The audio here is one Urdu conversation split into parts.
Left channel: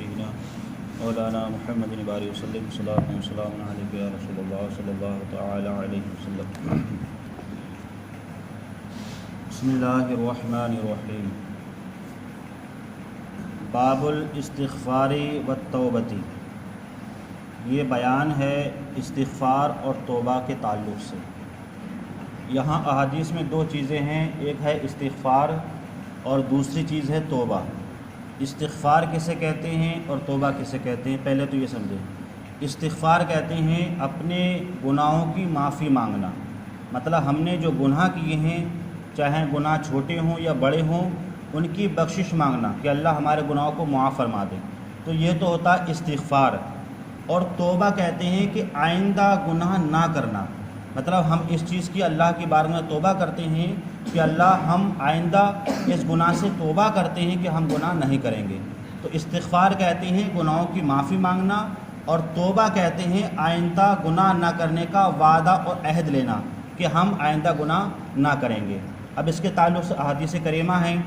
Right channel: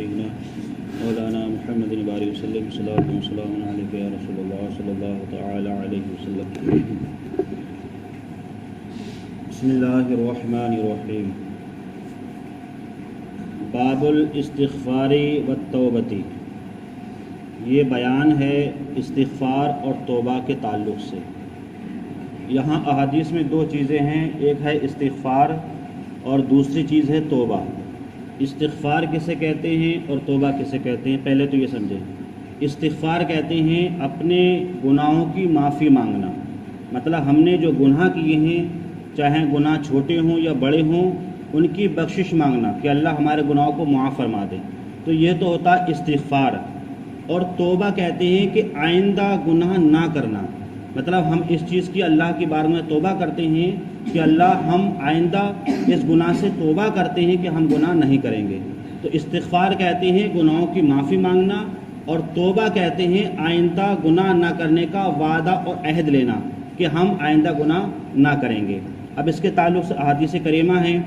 سیدنا مولانا محمد وآلہ وسلم صلاۃ و سلام علیک یا رسول اللہ صلی اللہ تعالی علیہ وسلم۔ بسم اللہ الرحمن الرحیم۔ باب الاستغفار والتوبۃ، یہ بیان ہے استغفار اور توبہ کے تعلق سے۔ یہاں احادیث میں دو چیزیں ہیں، ایک ہے استغفار اور دوسری چیز ہے توبہ۔ استغفار کسے کہتے ہیں اور توبہ کسے کہتے ہیں، پہلے تو یہ سمجھیں۔ استغفار کہتے ہیں اپنے گناہوں کی معافی مانگنا، مطلب ہم نے جو گناہ کیے ہیں، چاہے گناہ چھوٹے ہوں یا بڑے ہوں، ان کی بخشش مانگنا کہ اللہ ہمارے گناہوں کو معاف فرما دے، تو یہ تو ہوتا ہے استغفار۔ اور توبہ کہتے ہیں کہ آئندہ گناہ نہ کرنا، مطلب ہم اس چیز کی اللہ کی بارگاہ میں توبہ کرتے ہیں کہ اللہ ہم آئندہ اس گناہ سے توبہ کرتے ہیں کہ ہم گناہ نہیں کریں گے۔ تو استغفار کہتے ہیں گناہوں کی معافی مانگنا، اور توبہ کہتے ہیں آئندہ گناہ نہ کرنے کا وعدہ اور عہد لینا کہ ہم آئندہ گناہ نہ کریں گے۔ اب اس کے تعلق سے احادیث کریمہ ہیں۔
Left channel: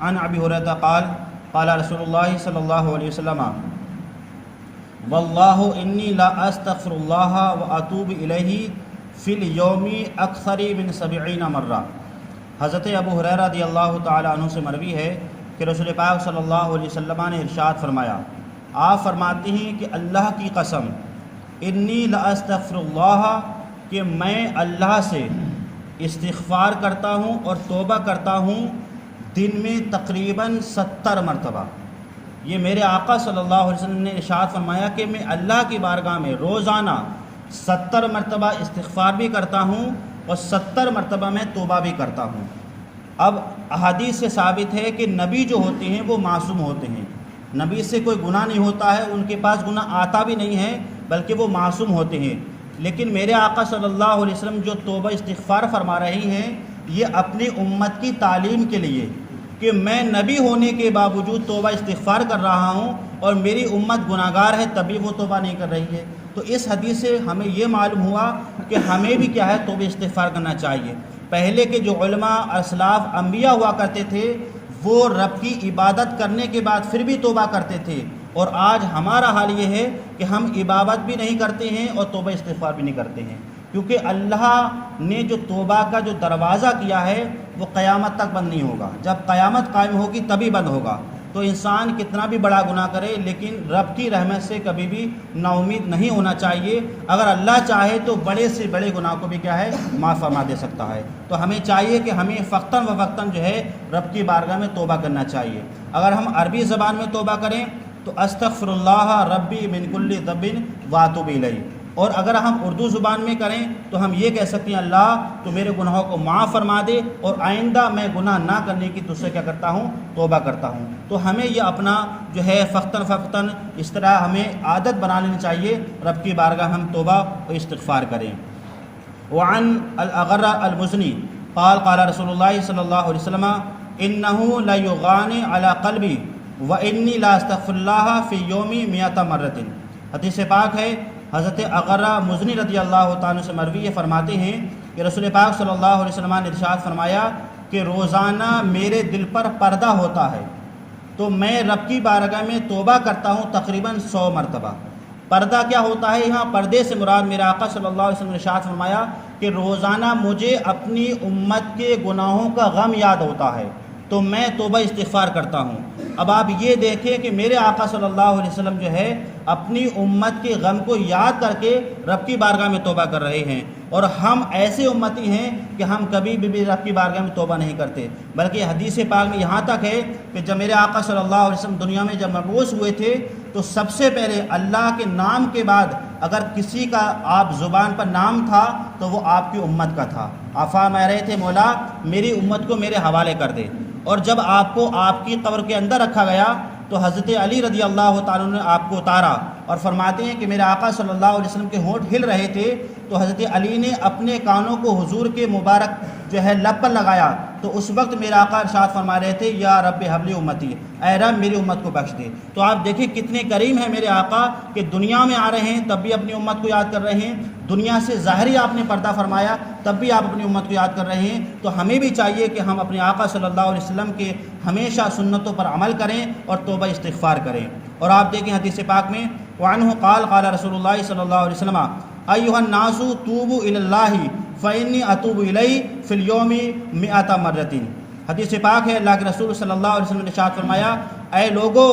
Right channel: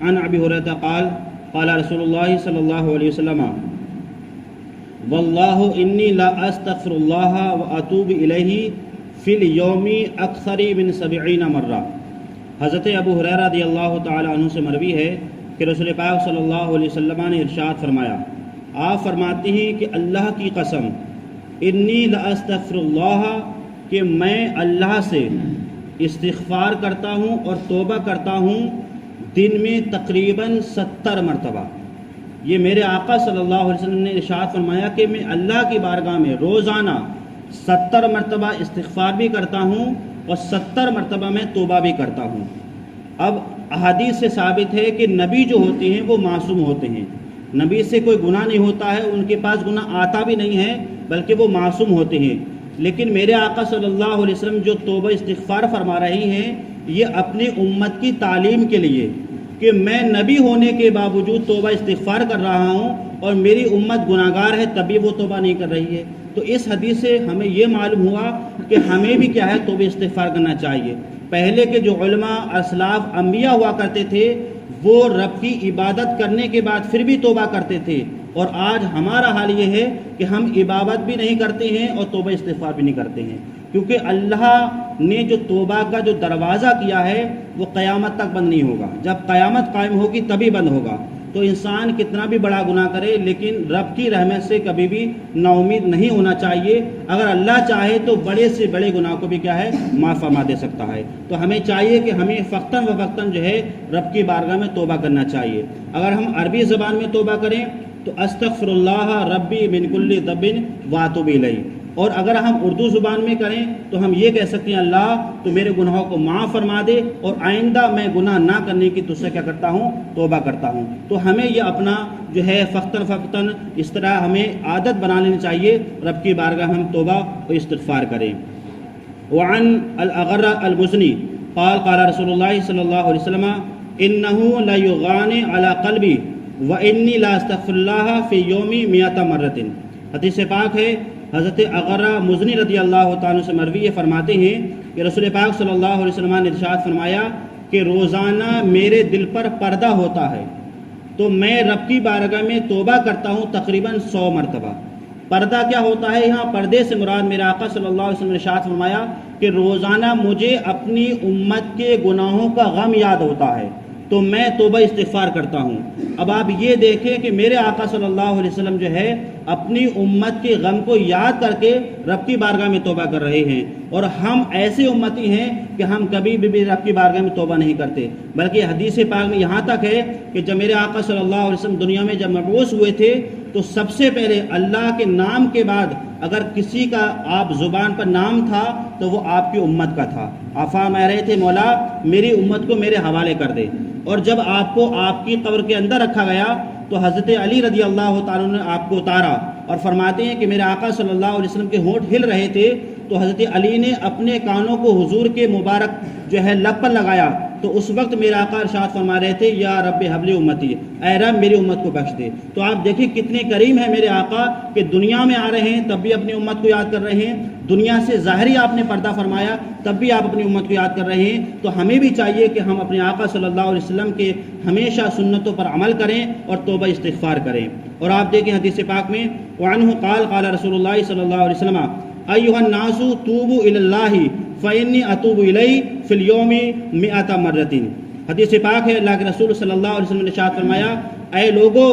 عن ابی ہریرہ قال قال رسول اللہ صلی اللہ علیہ وسلم واللہ انی لا استغفر اللہ واتوب الیہ فی الیوم اکثر من 70 مرہ۔ حضرت ابو ہریرہ رضی اللہ تعالی عنہ سے مروی ہے کہ رسول پاک صلی اللہ علیہ وسلم نے ارشاد فرمایا، آپ فرماتے ہیں کہ اللہ کی قسم، انی لاستغفر اللہ، کہ میں اللہ سے استغفار کرتا ہوں اور توبہ کرتا ہوں دن میں تقریباً 70 مرتبہ۔ یہ میرے آقا صلی اللہ علیہ وسلم نے ارشاد فرمایا کہ میں اللہ کی بارگاہ میں روزانہ 70 مرتبہ استغفار بھی کرتا ہوں اور 70 مرتبہ میں توبہ بھی کرتا ہوں۔ اب احادیث سے ثابت ہے کہ نبی جو ہوتے ہیں وہ معصوم ہوتے ہیں، نبی سے کوئی گناہ نہیں ہوتا ہے، ان کے پاس گناہ آتا بھی نہیں ہے، بلکہ وہ معصوم ہوتے ہیں۔ لیکن میرے آقا صلی اللہ علیہ وسلم جو توبہ استغفار فرما رہے ہیں، یہ اپنی امت کی تعلیم کے لیے کہ میں نبی ہونے کے باوجود توبہ استغفار کر رہا ہوں اور میری امت گناہگار ہے تب بھی وہ توبہ نہیں کر رہی ہے۔ تو اس حدیث سے ہمیں یہ معلوم ہوا کہ ہمیں بھی کیا ہے توبہ استغفار کرنا چاہیے۔ پہلے کے جو علماء اسلاف انبیاء ہوا کرتے تھے، وہ رب کی عبادت کرنے کے بعد پھر بھی توبہ کرتے تھے، اور آج ہمارا حال یہ ہے کہ ہم عبادت بھی نہیں کرتے ہیں اور توبہ استغفار بھی نہیں کرتے ہیں، کیونکہ اللہ نے جو توبہ کا جو دروازہ کیا ہے وہ قیامت تک بند نہیں ہوگا، جب قیامت قائم ہوگی تبھی بند ہوگا۔ تو انسان کتنا بھی بڑا گناہ کرے لیکن رب کی رحمت سے کبھی بھی نا امید نہیں ہونا چاہیے۔ اگر اللہ چاہے تو بڑے سے بڑے گناہ کو بھی کیا ہے معاف فرما دے سکتا ہے۔ تو ہمیں چاہیے کہ ہمیں وقتاً فوقتاً جو ہے رب کی بارگاہ میں توبہ کرنا چاہیے۔ اگر ہم عربی زبان میں توبہ کریں تو استغفر اللہ ربی من کل ذنب واتوب الیہ، اور اگر ہم اردو زبان میں کریں تو ہم یہ کہہ سکتے ہیں اللہ تو میرے گناہوں کو معاف فرما دے اور آئندہ میں گناہ نہ کرنے کی تجھ سے کیا کرتا ہوں، توبہ کرتا ہوں۔ تو ہمیں یہ اپنا جو ہے فقتاً فوقتاً اس طرح ہمیں عادت بنا لینی چاہیے، رب کی بارگاہ ہم توبہ و استغفار کریں۔ وعن الاغر المزنی قال قال رسول اللہ صلی اللہ علیہ وسلم انہ لا یغان علی قلبی وانی لا استغفر اللہ فی یومی 100 مرۃ۔ حدیث پاک ہے، حضرت اغرہ مزنی رضی اللہ تعالیٰ سے مروی فرماتے ہیں کہ رسول پاک صلی اللہ علیہ وسلم نے ارشاد فرمایا کہ روزانہ میرے دل پر پردہ ہوتا ہے تو میں رب کی بارگاہ میں توبہ کرتا ہوں تقریباً 100 مرتبہ۔ پردہ کیا ہوتا ہے؟ یہاں پردے سے مراد میرے آقا صلی اللہ علیہ وسلم نے ارشاد فرمایا کہ روزانہ مجھے اپنی امت کے گناہوں کا غم یاد ہوتا ہے تو میں توبہ استغفار کرتا ہوں۔ اب آپ یہ دیکھیں کہ میرے آقا صلی اللہ علیہ وسلم جو ہے اپنی امت کے غم کو یاد کر کے رب کی بارگاہ میں توبہ کر رہے ہیں، اور ہم ایسے امتی ہیں کہ ہم کبھی بھی رب کی بارگاہ میں توبہ نہیں کرتے، بلکہ حدیث پاک میں یہاں تک ہے کہ جب میرے آقا صلی اللہ علیہ وسلم دنیا میں جب مبعوث ہوئے تھے تو سب سے پہلے اللہ کے نام کے بعد اگر کسی کا آپ زبان پر نام تھا تو وہ آپ کی امت کا تھا۔ آپ فرما رہے تھے مولا میری امت کو میرے حوالے کر دے، اور جب آپ کو آپ کی قبر کے اندر رکھا گیا تو حضرت علی رضی اللہ تعالیٰ نے آپ کو اتارا، اور فرماتے ہیں کہ میرے آقا صلی اللہ علیہ وسلم کے ہونٹ ہل رہے تھے تو حضرت علی نے اپنے کانوں کو حضور کے مبارک جو ہے لب پر لگایا تو اس وقت میرے آقا ارشاد فرما رہے تھے یا رب حبلی امتی، اے رب میری امت کو بخش دے۔ تو آپ دیکھیں کتنے کریم ہیں میرے آقا کہ دنیا میں آ رہے ہیں تب بھی اپنی امت کو یاد کر رہے ہیں، دنیا سے ظاہری آپ نے پردہ فرمایا تب بھی آپ اپنی امت کو یاد کر رہے ہیں۔ تو ہمیں بھی چاہیے کہ ہم اپنے آقا صلی اللہ علیہ وسلم کے ہمیشہ سنتوں پر عمل کریں اور توبہ استغفار کریں۔ اور آپ دیکھیں حدیث پاک میں وعنہ قال قال رسول اللہ صلی اللہ علیہ وسلم ایھا الناس توبوا الی اللہ فانی اتوب الیہ فی اليوم 100 مرۃ۔ حدیث پاک ہے، اللہ کے رسول صلی اللہ علیہ وسلم نے ارشاد فرمایا اے لوگو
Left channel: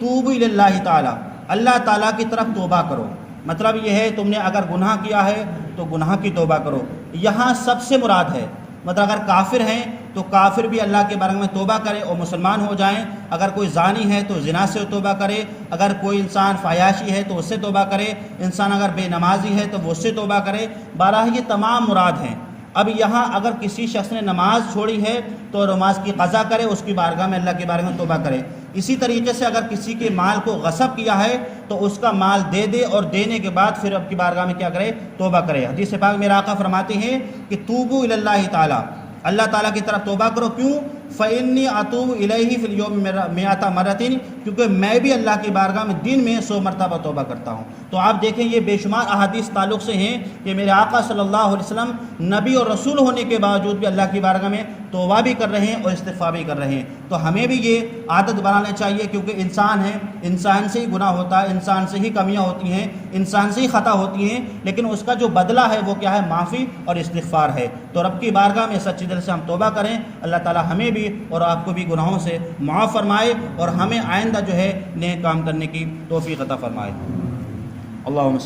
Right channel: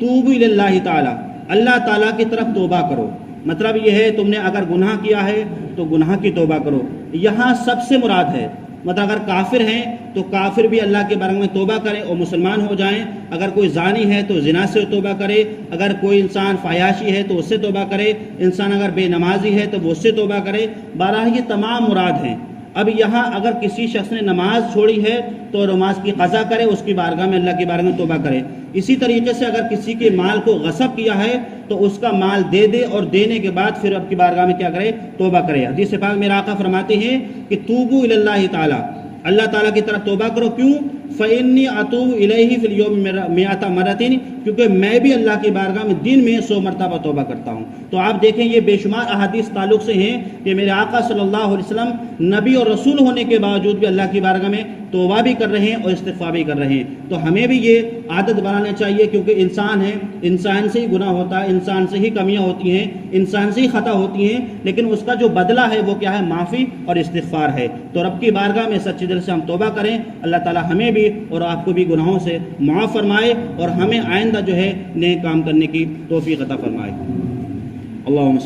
توبوا الی اللہ تعالی، اللہ تعالیٰ کی طرف توبہ کرو۔ مطلب یہ ہے تم نے اگر گناہ کیا ہے تو گناہ کی توبہ کرو۔ یہاں سب سے مراد ہے، مطلب اگر کافر ہیں تو کافر بھی اللہ کے بارے میں توبہ کریں اور مسلمان ہو جائیں، اگر کوئی زانی ہے تو زنا سے توبہ کرے، اگر کوئی انسان فحاشی ہے تو اس سے توبہ کرے، انسان اگر بے نمازی ہے تو وہ اس سے توبہ کرے۔ بہرحال یہ تمام مراد ہیں۔ اب یہاں اگر کسی شخص نے نماز چھوڑی ہے تو نماز کی قضا کرے، اس کی بارگاہ میں اللہ کے بارے میں توبہ کرے۔ اسی طریقے سے اگر کسی کے مال کو غصب کیا ہے تو اس کا مال دے دے اور دینے کے بعد پھر اب کی بارگاہ میں کیا کرے؟ توبہ کرے۔ حدیث پاک میرے آقا فرماتے ہیں کہ توبوا الی اللہ تعالی، اللہ تعالیٰ کی طرف توبہ کرو۔ کیوں؟ فإنی اتوب الیہ فی اليوم 100 مرۃ، کیونکہ میں بھی اللہ کی بارگاہ میں دن میں 100 مرتبہ توبہ کرتا ہوں۔ تو آپ دیکھیں یہ بے شمار احادیث تعلق سے ہیں کہ میرے آقا صلی اللہ علیہ وسلم نبی اور رسول ہونے کے باوجود بھی اللہ کی بارگاہ میں توبہ بھی کر رہے ہیں اور استغفار بھی کر رہے ہیں۔ تو ہمیں بھی یہ عادت بنانا چاہیے، کیونکہ انسان ہے، انسان سے ہی گناہ ہوتا ہے، انسان سے ہی کمیاں ہوتی ہیں، انسان سے ہی خطا ہوتی ہیں، لیکن اس کا جو بدلہ ہے وہ کیا ہے؟ معافی اور استغفار ہے۔ تو رب کی بارگاہ میں سچے دل سے ہم توبہ کریں، اللہ تعالی ہمیں بھی اور آپ کو بھی گناہوں سے معاف فرمائے اور ہمیں آئندہ جو ہے نئے کام کرنے کی توفیق عطا فرمائے۔ اللہم